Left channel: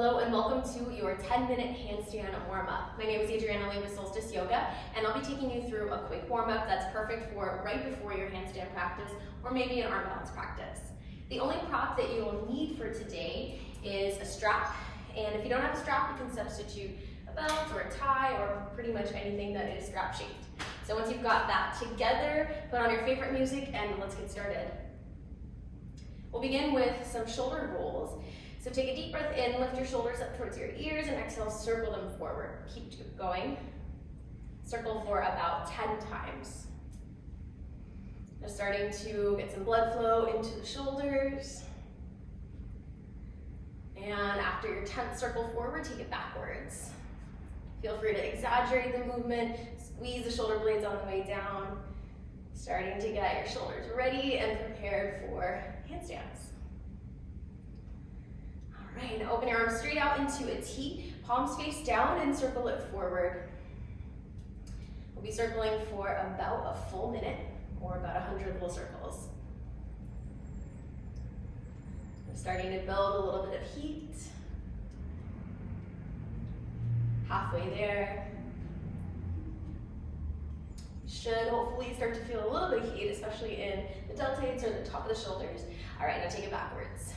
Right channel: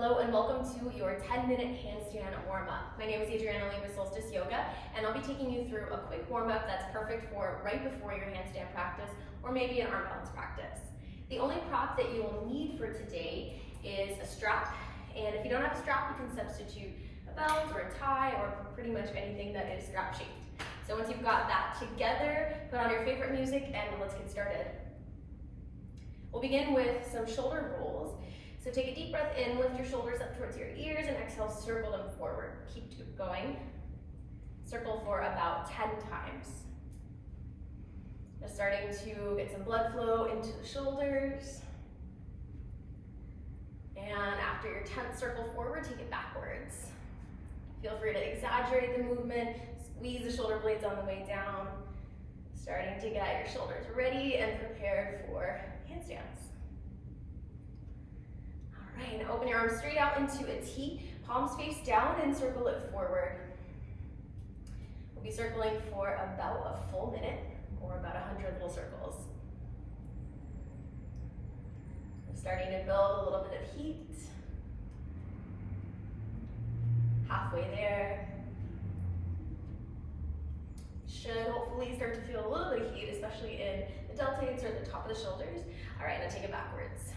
Hello and welcome to your 10-minute handstand warm-up. My name is Adriana Lee with Solstice Yoga, and I'll be taking you through a quick warm-up that's perfect for right before your handstand practice or maybe an arm balance practice. The only prop that you will need for today is a strap, and if you don't have a strap, you can substitute a belt or a tie or pretty much anything that is strap shaped. So once you've got that together, put on your favorite music and let's get started. We'll begin with some shoulder rolls. So take a deep breath in, lift your shoulders up towards your ears, and exhale, circle them forward. Keep going. Circle for about 10 times. Just starting to get some blood flow into the shoulders. And after your 10th circle forward, take it backwards. Feel free to exaggerate the movement, squeeze the shoulder blades on the way down. Starting to get your shoulders ready and prepared for handstands. All right, now open your arms straight out into a T, palms face down and circle it forward. We'll be circling for about a full minute or about 100 little circles. We're starting to build a little bit of heat. Halfway there. Should hopefully start to feel a little bit of heat, especially in the deltoids or the top of the shoulders. All right, now take it backwards.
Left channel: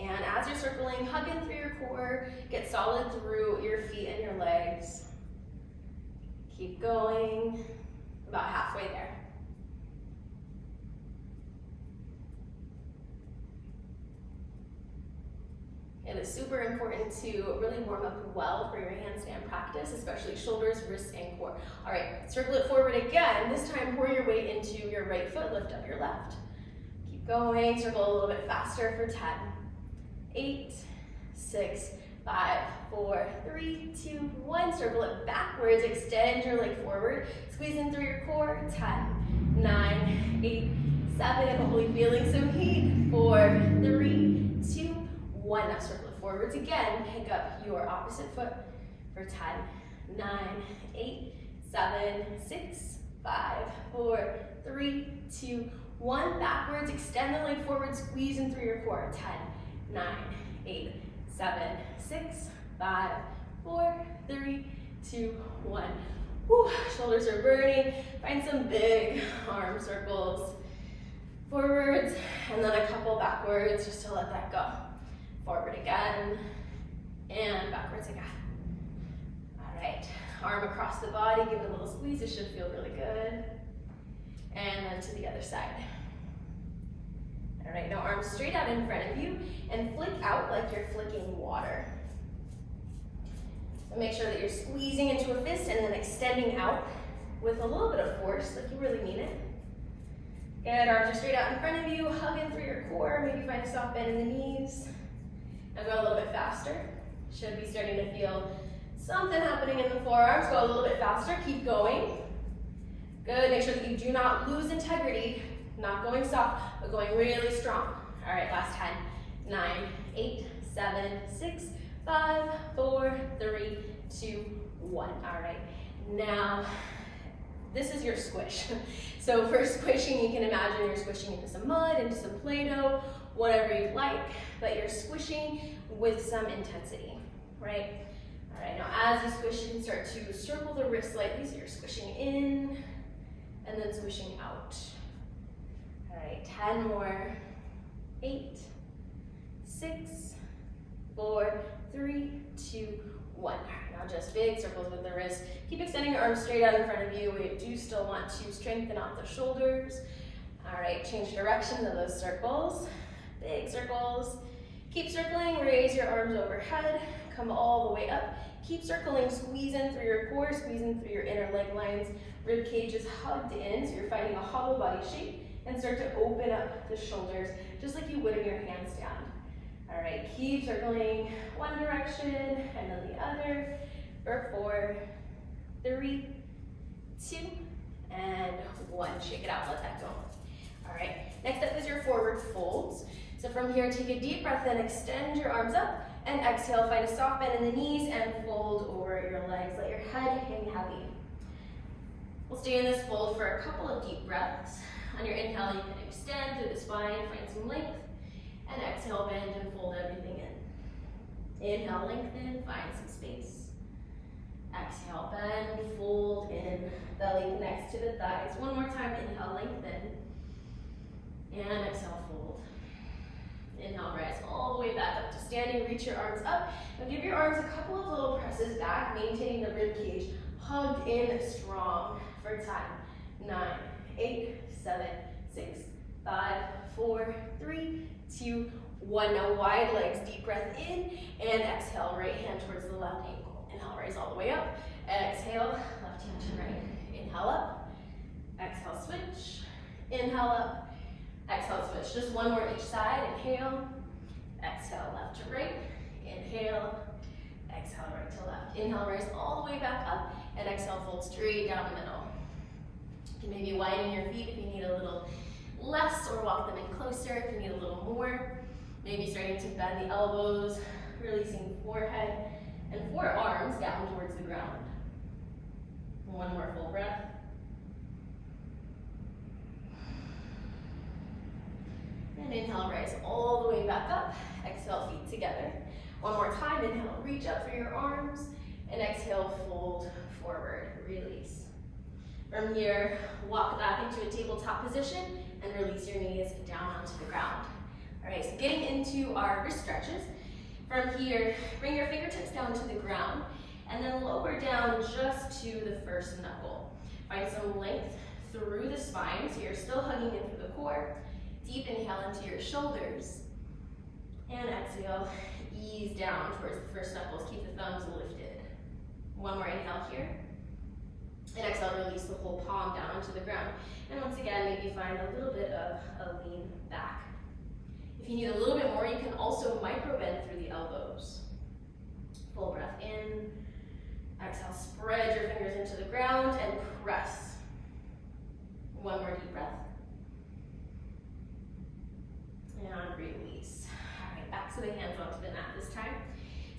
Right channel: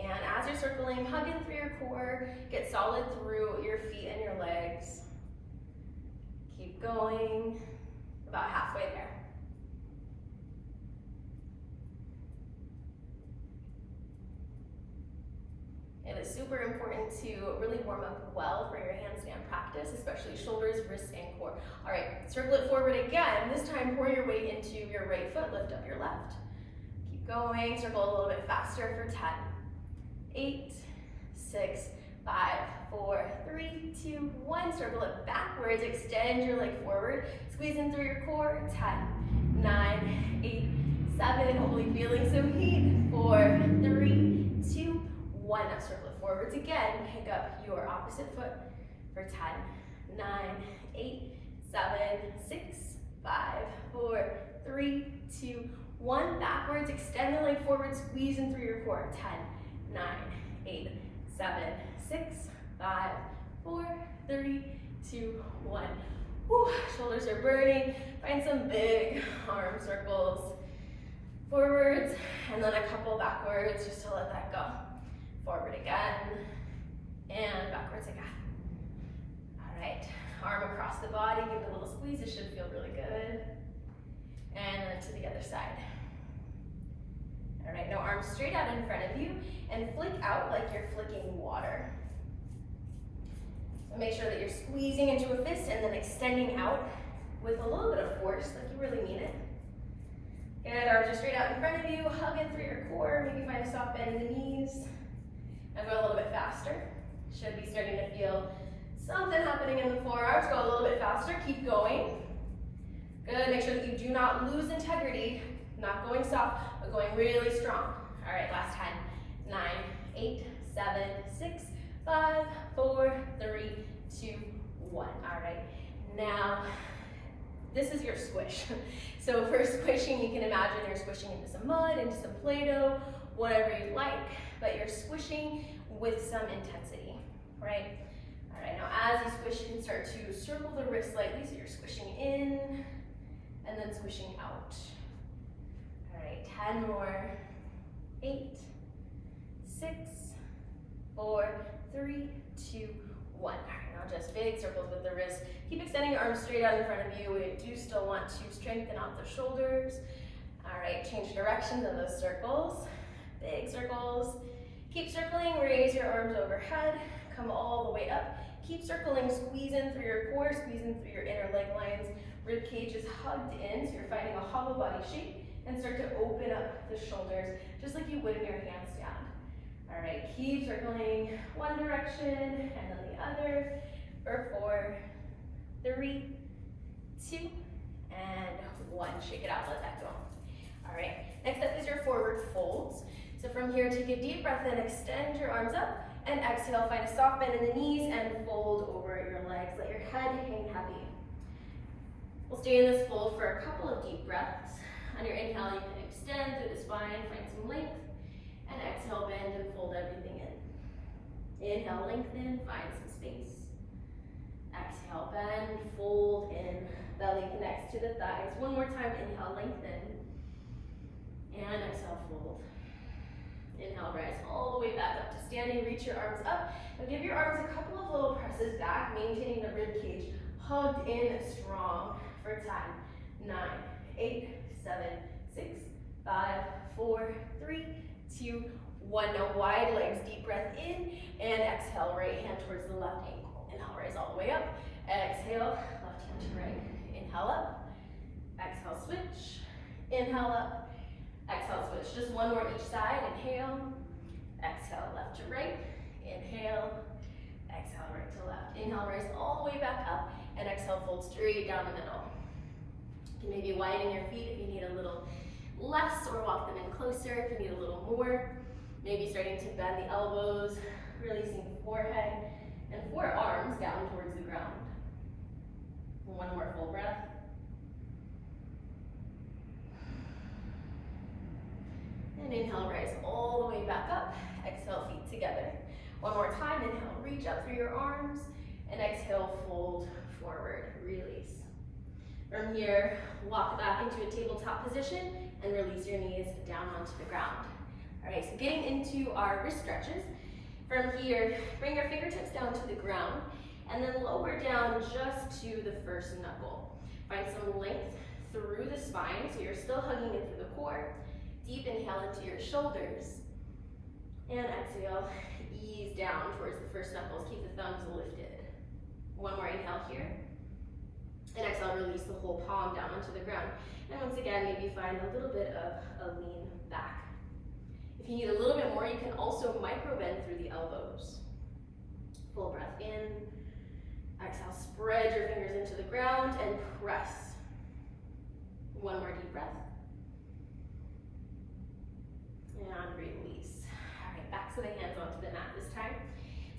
And as you're circling, hug in through your core, get solid through your feet and your legs. Keep going, about halfway there. It is super important to really warm up well for your handstand practice, especially shoulders, wrists, and core. All right, circle it forward again. This time, pour your weight into your right foot, lift up your left. Keep going, circle a little bit faster for 10. 8, 6, 5, 4, 3, 2, 1. Circle it backwards, extend your leg forward, squeeze in through your core. 10, 9, 8, 7, hopefully feeling some heat. 4, 3, 2, 1. Now circle it forwards again. Pick up your opposite foot for 10, 9, 8, 7, 6, 5, 4, 3, 2, 1. Backwards, extend the leg forward, squeeze in through your core. 10, 9, 8, 7, 6, 5, 4, 3, 2, 1. Whew, shoulders are burning. Find some big arm circles. Forwards, and then a couple backwards just to let that go. Forward again, and backwards again. All right, arm across the body, give it a little squeeze. It should feel really good. And then to the other side. All right, now arms straight out in front of you and flick out like you're flicking water. So make sure that you're squeezing into a fist and then extending out with a little bit of force, like you really mean it. Good, arms are straight out in front of you, hug in through your core, maybe find a soft bend in the knees. Now go a little bit faster. Should be starting to feel something happening in the forearms. Go a little bit faster, keep going. Good, make sure that you do not lose integrity. Not going soft, but going really strong. All right, last 10, 9, 8, 7, 6, 5, 4, 3, 2, 1. All right, now this is your squish. So for squishing, you can imagine you're squishing into some mud, into some Play-Doh, whatever you like, but you're squishing with some intensity, right? All right, now as you squish, you can start to circle the wrist slightly, so you're squishing in and then squishing out. All right, 10 more. 8, 6, 4, 3, 2, 1. All right, now just big circles with the wrist. Keep extending your arms straight out in front of you. We do still want to strengthen out the shoulders. All right, change directions of those circles. Big circles. Keep circling, raise your arms overhead. Come all the way up. Keep circling, squeeze in through your core, squeeze in through your inner leg lines. Rib cage is hugged in, so you're finding a hollow body shape. And start to open up the shoulders, just like you would in your handstand. All right, keep circling one direction and then the other for 4, 3, 2, and 1. Shake it out, let that go. All right, next up is your forward folds. So from here, take a deep breath in, extend your arms up, and exhale, find a soft bend in the knees and fold over your legs. Let your head hang heavy. We'll stay in this fold for a couple of deep breaths. On your inhale, you can extend through the spine, find some length, and exhale, bend and fold everything in. Inhale, lengthen, find some space. Exhale, bend, fold in, belly connects to the thighs. One more time, inhale, lengthen. And exhale, fold. Inhale, rise all the way back up to standing. Reach your arms up. Now give your arms a couple of little presses back, maintaining the rib cage hugged in strong for 10, 9, 8, 7, 6, 5, 4, 3, 2, 1. Now wide legs, deep breath in, and exhale, right hand towards the left ankle. Inhale, raise all the way up. Exhale, left hand to right. Inhale up. Exhale, switch. Inhale up. Exhale, switch. Just one more each side. Inhale. Exhale, left to right. Inhale. Exhale, right to left. Inhale, raise all the way back up. And exhale, fold straight down the middle. You can maybe widen your feet if you need a little less, or walk them in closer if you need a little more. Maybe starting to bend the elbows, releasing the forehead and forearms down towards the ground. One more full breath. And inhale, rise all the way back up. Exhale, feet together. One more time, inhale, reach up through your arms. And exhale, fold forward, release. From here, walk back into a tabletop position and release your knees down onto the ground. All right, so getting into our wrist stretches. From here, bring your fingertips down to the ground and then lower down just to the first knuckle. Find some length through the spine, so you're still hugging in through the core. Deep inhale into your shoulders. And exhale, ease down towards the first knuckles. Keep the thumbs lifted. One more inhale here. And exhale, release the whole palm down onto the ground. And once again, maybe find a little bit of a lean back. If you need a little bit more, you can also micro bend through the elbows. Full breath in. Exhale, spread your fingers into the ground and press. One more deep breath. And release. All right, back to the hands onto the mat this time.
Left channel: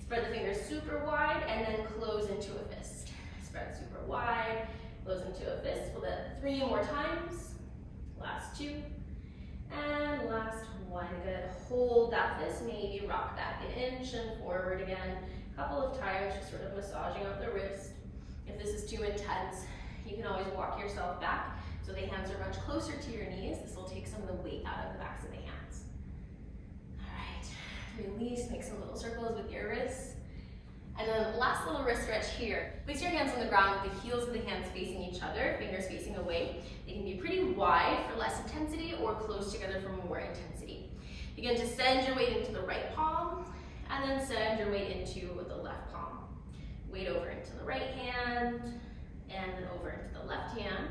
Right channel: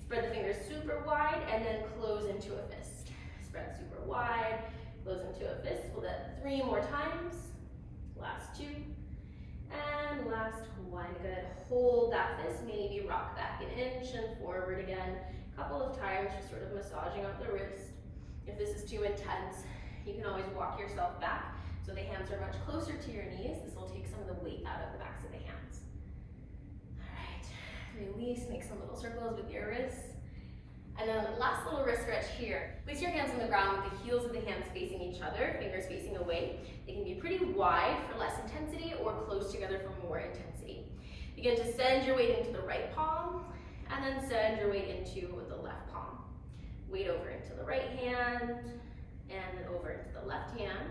Spread the fingers super wide and then close into a fist. Spread super wide, close into a fist. We'll do that 3 more times. Last 2. And last 1. Good. Hold that fist. Maybe rock back an inch and forward again. A couple of times, just sort of massaging out the wrist. If this is too intense, you can always walk yourself back so the hands are much closer to your knees. This will take some of the weight out of the backs of the hands. All right. Release. Make some little circles with your wrists. And then last little wrist stretch here. Place your hands on the ground with the heels of the hands facing each other, fingers facing away. They can be pretty wide for less intensity or close together for more intensity. Begin to send your weight into the right palm and then send your weight into the left palm. Weight over into the right hand and then over into the left hand.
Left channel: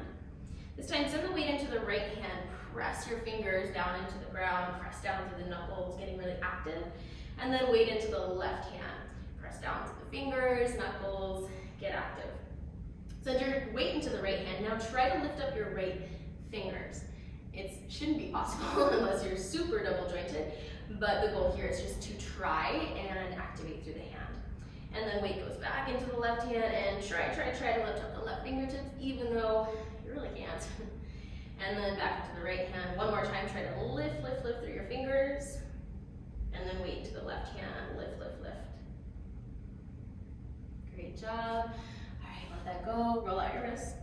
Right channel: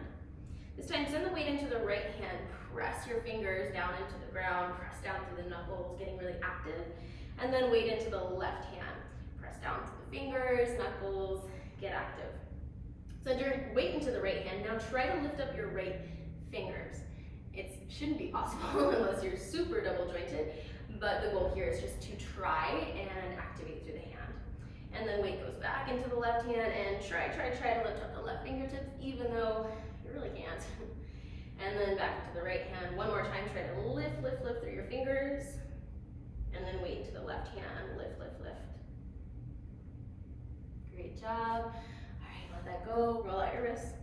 This time, send the weight into the right hand. Press your fingers down into the ground, press down to the knuckles, getting really active. And then weight into the left hand. Press down to the fingers, knuckles, get active. Send your weight into the right hand. Now try to lift up your right fingers. It shouldn't be possible unless you're super double jointed, but the goal here is just to try and activate through the hand. And then weight goes back into the left hand and try to lift up the left fingertips, even though you really can't. And then back into the right hand. One more time, try to lift through your fingers. And then weight to the left hand, lift. Great job. All right, let that go, roll out your wrists.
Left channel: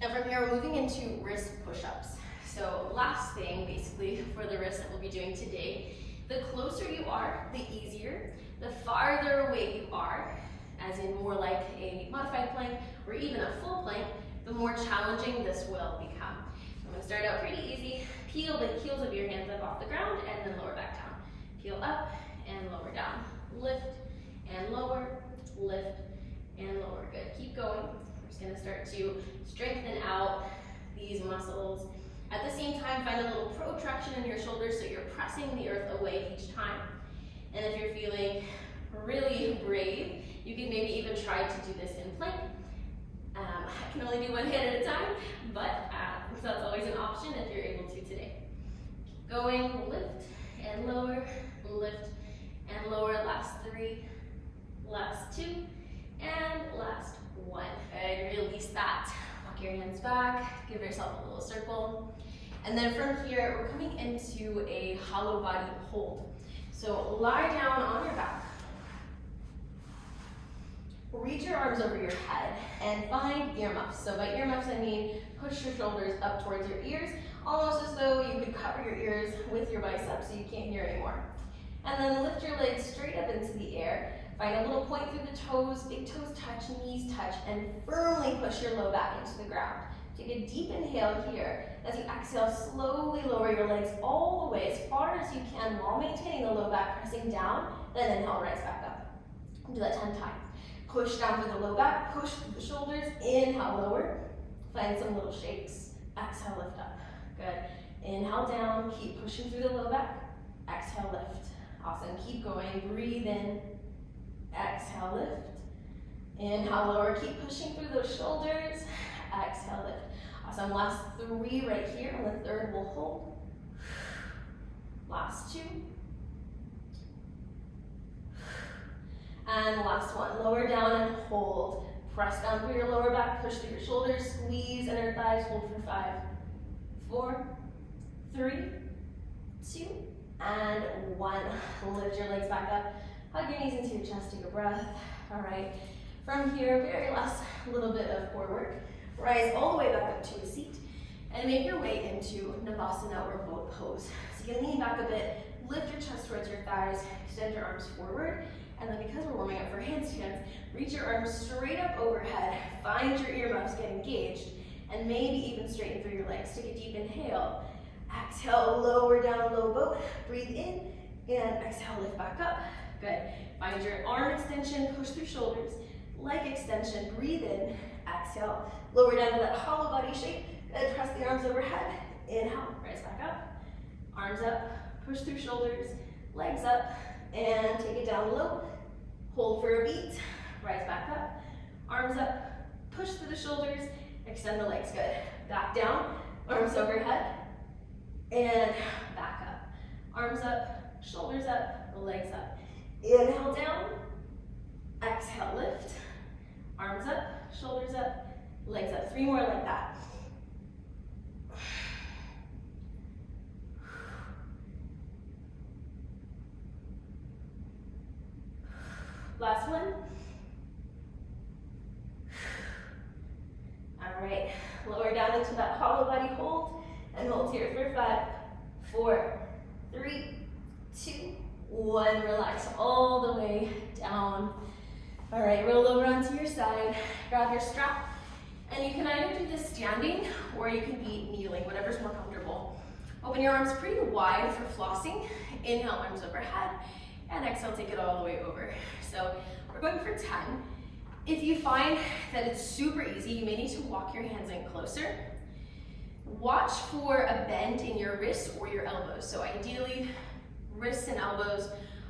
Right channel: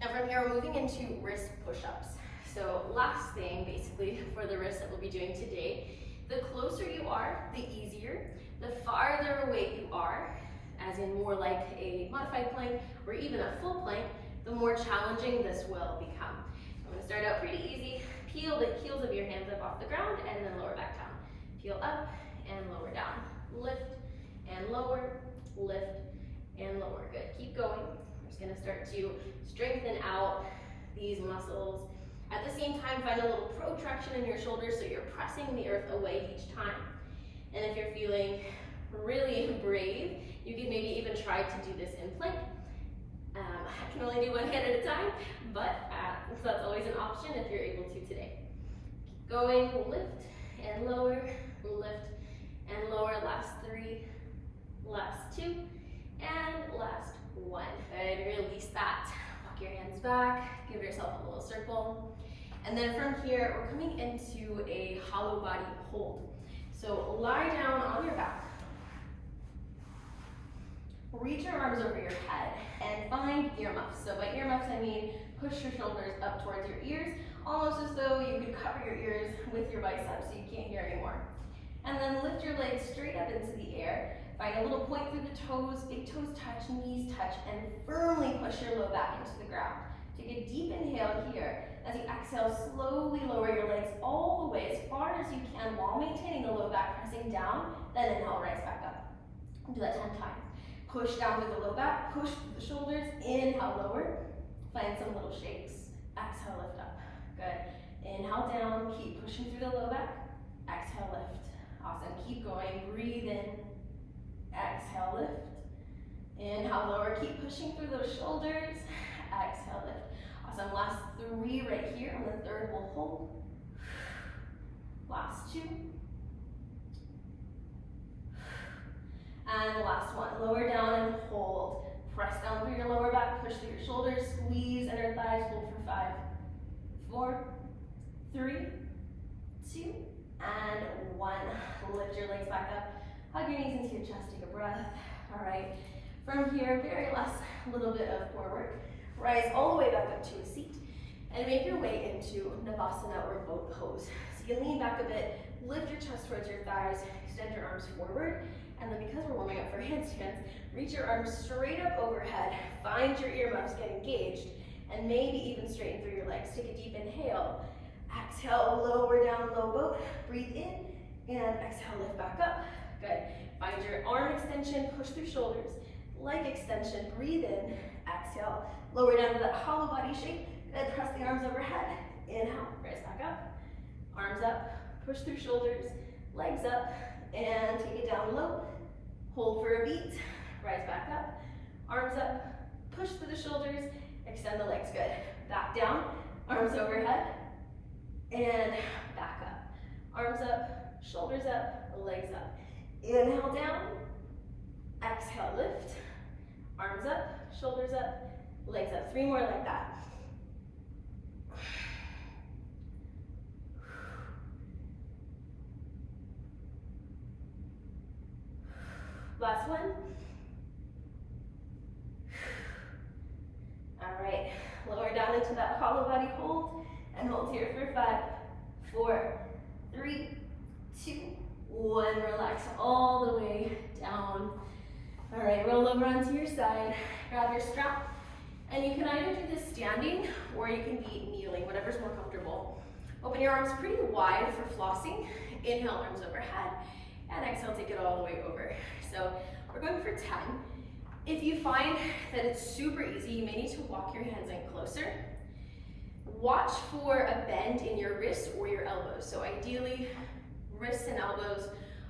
Now from here, we're moving into wrist push-ups. So last thing, basically, for the wrists that we'll be doing today, the closer you are, the easier. The farther away you are, as in more like a modified plank or even a full plank, the more challenging this will become. I'm gonna start out pretty easy. Peel the heels of your hands up off the ground and then lower back down. Peel up and lower down. Lift and lower, lift and lower. Good, keep going. We're just gonna start to strengthen out these muscles. At the same time, find a little protraction in your shoulders so you're pressing the earth away each time. And if you're feeling really brave, you can maybe even try to do this in plank. I can only do one hand at a time, but that's always an option if you're able to today. Keep going, lift and lower, lift and lower. Last 3, last 2, and last 1. And release that. Walk your hands back, give yourself a little circle. And then from here, we're coming into a hollow body hold. So lie down on your back. Reach your arms over your head and find earmuffs. So by earmuffs, I mean push your shoulders up towards your ears, almost as though you could cover your ears with your biceps so you can't hear anymore. And then lift your legs straight up into the air. Find a little point through the toes, big toes touch, knees touch, and firmly push your low back into the ground. Take a deep inhale here. As you exhale, slowly lower your legs all the way as far as you can while maintaining the low back pressing down, then inhale, rise back up. Do that 10 times. Push down through the low back, push through the shoulders, inhale, lower. Find some little shakes. Exhale, lift up. Good. Inhale down, keep pushing through the low back. Exhale, lift. Awesome, keep going, breathe in. Exhale, lift. Inhale, lower, keep pushing through those shoulders. Exhale, lift. Awesome, last 3 right here. On the 3rd, we'll hold. Last 2. And last 1, lower down and hold. Press down through your lower back, push through your shoulders, squeeze inner thighs, hold for 5, 4, 3, 2, and 1. Lift your legs back up, hug your knees into your chest, take a breath. All right, from here, very last little bit of core work. Rise all the way back up to a seat and make your way into Navasana or boat pose. So you can lean back a bit, lift your chest towards your thighs, extend your arms forward, and then because we're warming up for handstands, reach your arms straight up overhead, find your earmuffs, get engaged, and maybe even straighten through your legs. Take a deep inhale, exhale, lower down, low boat, breathe in, and exhale, lift back up. Good. Find your arm extension, push through shoulders, leg extension, breathe in, exhale, lower down to that hollow body shape, and press the arms overhead. Inhale, rise back up, arms up, push through shoulders, legs up, and take it down low. Hold for a beat, rise back up, arms up, push through the shoulders, extend the legs, good. Back down, arms overhead, and back up. Arms up, shoulders up, legs up. Inhale down, exhale, lift, arms up, shoulders up, legs up. 3 more like that. Last one. All right, lower down into that hollow body hold and hold here for 5, 4, 3, 2, 1. Relax all the way down. All right, roll over onto your side, grab your strap, and you can either do this standing or you can be kneeling, whatever's more comfortable. Open your arms pretty wide for flossing. Inhale, arms overhead, and exhale, take it all the way over. So we're going for 10. If you find that it's super easy, you may need to walk your hands in closer. Watch for a bend in your wrists or your elbows. So ideally, wrists and elbows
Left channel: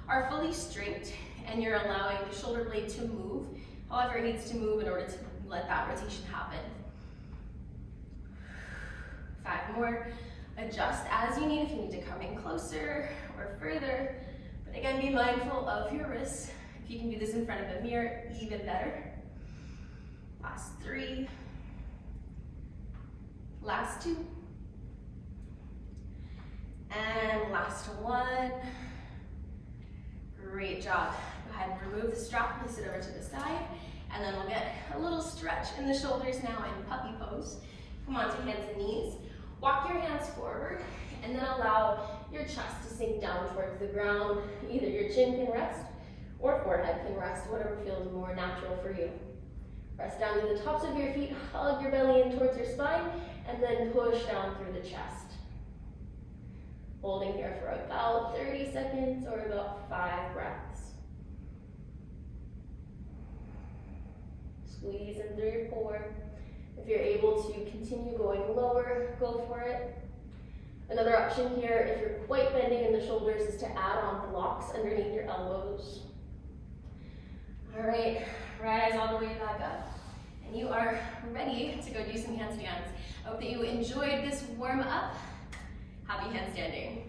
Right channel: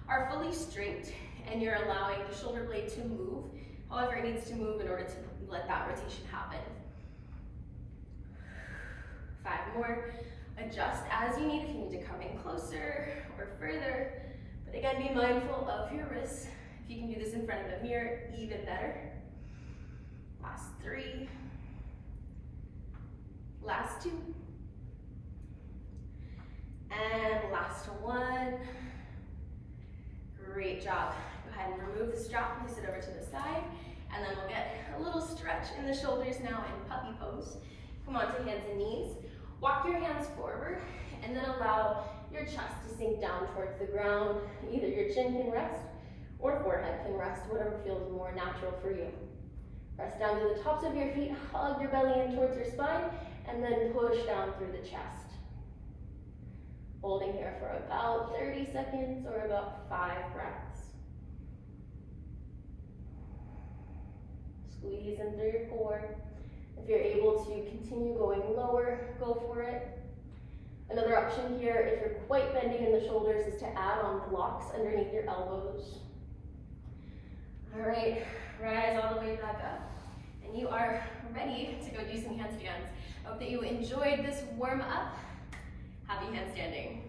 are fully straight and you're allowing the shoulder blade to move. However, it needs to move in order to let that rotation happen. 5 more. Adjust as you need if you need to come in closer or further. But again, be mindful of your wrists. If you can do this in front of a mirror, even better. Last 3. Last 2. And last 1. Great job. Go ahead and remove the strap, place it over to the side, and then we'll get a little stretch in the shoulders now in puppy pose. Come onto hands and knees. Walk your hands forward, and then allow your chest to sink down towards the ground. Either your chin can rest or forehead can rest, whatever feels more natural for you. Press down to the tops of your feet, hug your belly in towards your spine, and then push down through the chest. Holding here for about 30 seconds or about 5 breaths. Squeeze in through your core. If you're able to continue going lower, go for it. Another option here, if you're quite bending in the shoulders, is to add on blocks underneath your elbows. All right, rise all the way back up. And you are ready to go do some handstands. I hope that you enjoyed this warm up. Happy handstanding.